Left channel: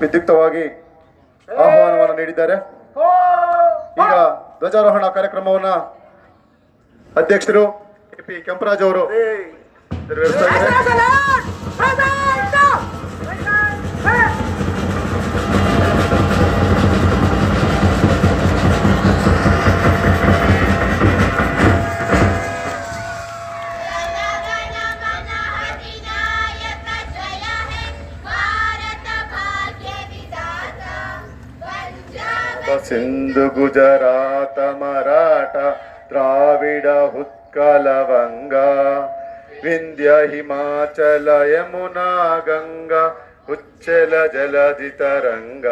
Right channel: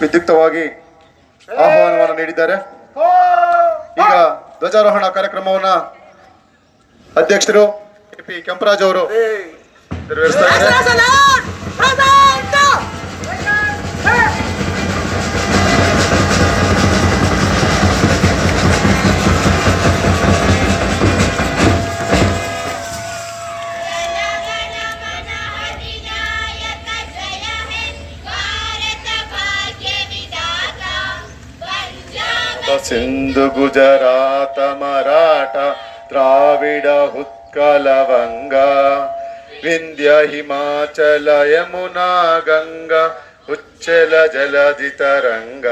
ವಿದ್ಯುಕ್ತವಾಗಿ ಆಹ್ವಾನವನ್ನು ನೀಡಿದ್ದಾರೆ. ಈಗ ಧ್ವಜಾರೋಹಣ ಕಾರ್ಯಕ್ರಮವನ್ನ ಅಧ್ಯಕ್ಷರು ಕೆಂಪರಾಜ್ ಅವರು ನೆರವೇರಿಸ್ತಾ ಸಿಂಧು ಗುಜರಾತ ಮರಾಠ ದ್ರಾವಿಡ ಉತ್ಕಲ ವಂಗ ವಿಂಧ್ಯ ಹಿಮಾಚಲ ಯಮುನಾ ಗಂಗಾ ಉಚ್ಚಲ ಜಲಧಿ ತರಂಗ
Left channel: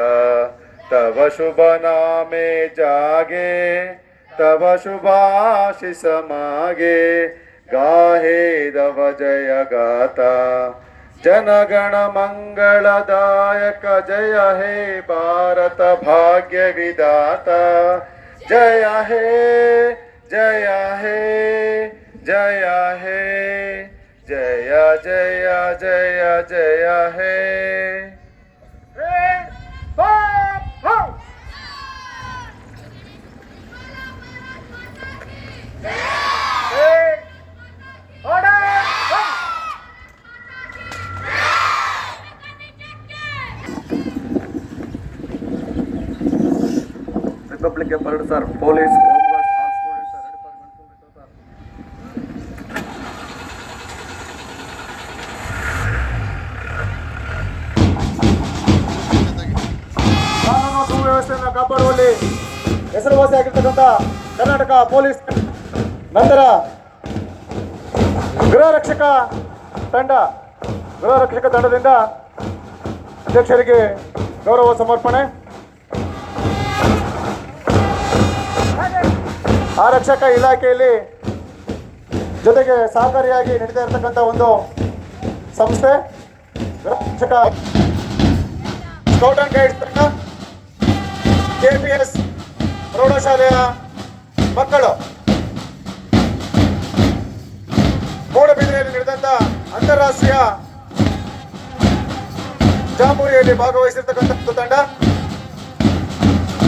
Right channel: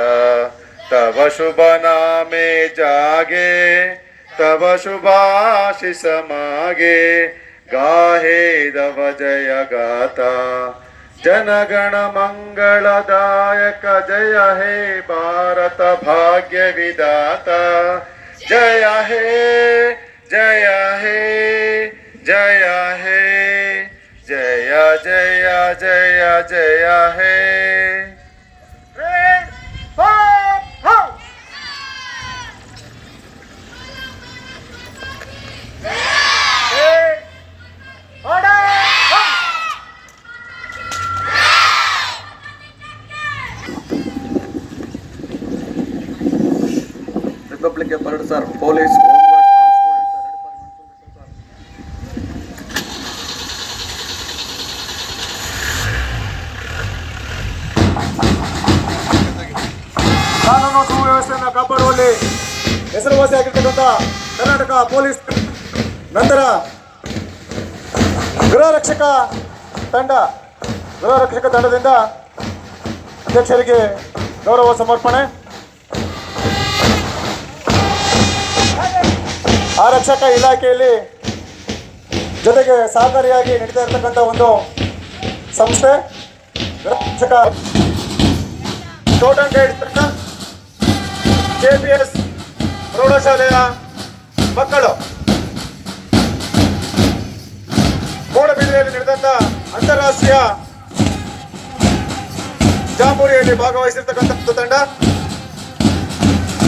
ತವ ಶುಭ ನಾಮೆ ಜಾಗೆ ತವ ಶುಭಾಶಿಸ ಮಾಗೆ ಗಾಹೇ ದವ ಜಯ ಗಾತಾ जनगण मंगल दायक जय हे भारत भाग्यविदाता जय हे जय हे जय हे, जय जय जय जय हे। ಬರಡು ಯುನಿಫಾರ್ಮ್ ಸರ್ ಕಾನೂನು ಸುವ್ಯವಸ್ಥೆಯನ್ನು ಕಾಪಾಡುವಲ್ಲಿ ಹೆಸರುವಾಸಿಯಾಗಿರ್ತಕ್ಕಂಥ ಕರ್ನಾಟಕ ಪೊಲೀಸ್ ನಂತರ ಗೃಹ ರಕ್ಷಕ ತಂಡ, ಗೃಹ ರಕ್ಷಕ ತಂಡದಿಂದ ಅಧ್ಯಕ್ಷರಿಗೆ ಗೌರವ ಸಮರ್ಪಣೆ. ಆರಕ್ಷಕ ಇಲಾಖೆಯಲ್ಲಿ ಜೊತೆಗೆ ಸಹಕಾರಿಯಾಗಿ ನಡೀತಾ ಇರತಕ್ಕಂಥ ಒಂದು ಸಂಸ್ಥೆ. ರಕ್ಷಕ and guide K P S ಪ್ರೌಢಶಾಲೆಯ ಮಕ್ಕಳು. ಮೂಡಬಿದ್ರೆಯಲ್ಲಿ ನಡೆದಂಥ ಅಂತಾರಾಷ್ಟ್ರೀಯ ಜಾಂಬೂರಿಯಲ್ಲಿ ಭಾಗವಹಿಸಿರ್ತಕ್ಕಂಥ ತಂಡ.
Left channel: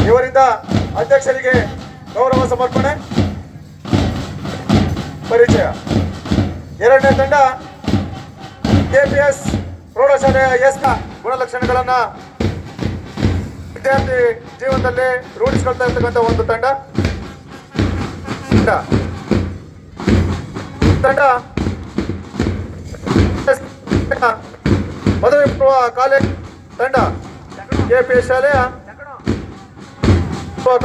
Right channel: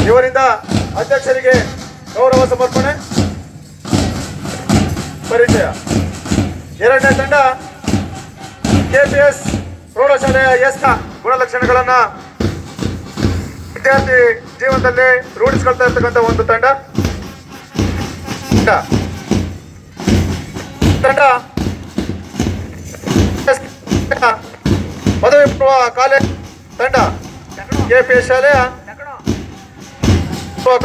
ಇವರಿಂದ ಅಧ್ಯಕ್ಷರಿಗೆ ಗೌರವ ಸಮರ್ಪಣೆ. ಪರಿಚಯ. ಎರಡನೇ ತಂಡ ಕೆಪಿಎಸ್ ಪ್ರೌಢಶಾಲೆಯ ಎಸ್ನ ಗುಣಲಕ್ಷಣಗಳನ್ನು ವಿದ್ಯಾರ್ಥಿ ಜೀವನದಲ್ಲಿ ರೂಢಿಸ್ಕೊಳ್ತಾ ಇರ್ತಕ್ಕಂಥ ಒಂದು ತಂಡ. ತಂಡ. ಎಸ್ ಪದವಿ ಪೂರ್ವ ಕಾಲೇಜ್ ತಂಡ. ಕೆಪಿಎಸ್ ಶಾಲೆಯ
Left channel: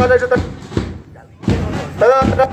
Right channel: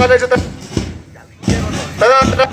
ಕಾಲೇಜು ತಂಡ ತದನಂತರ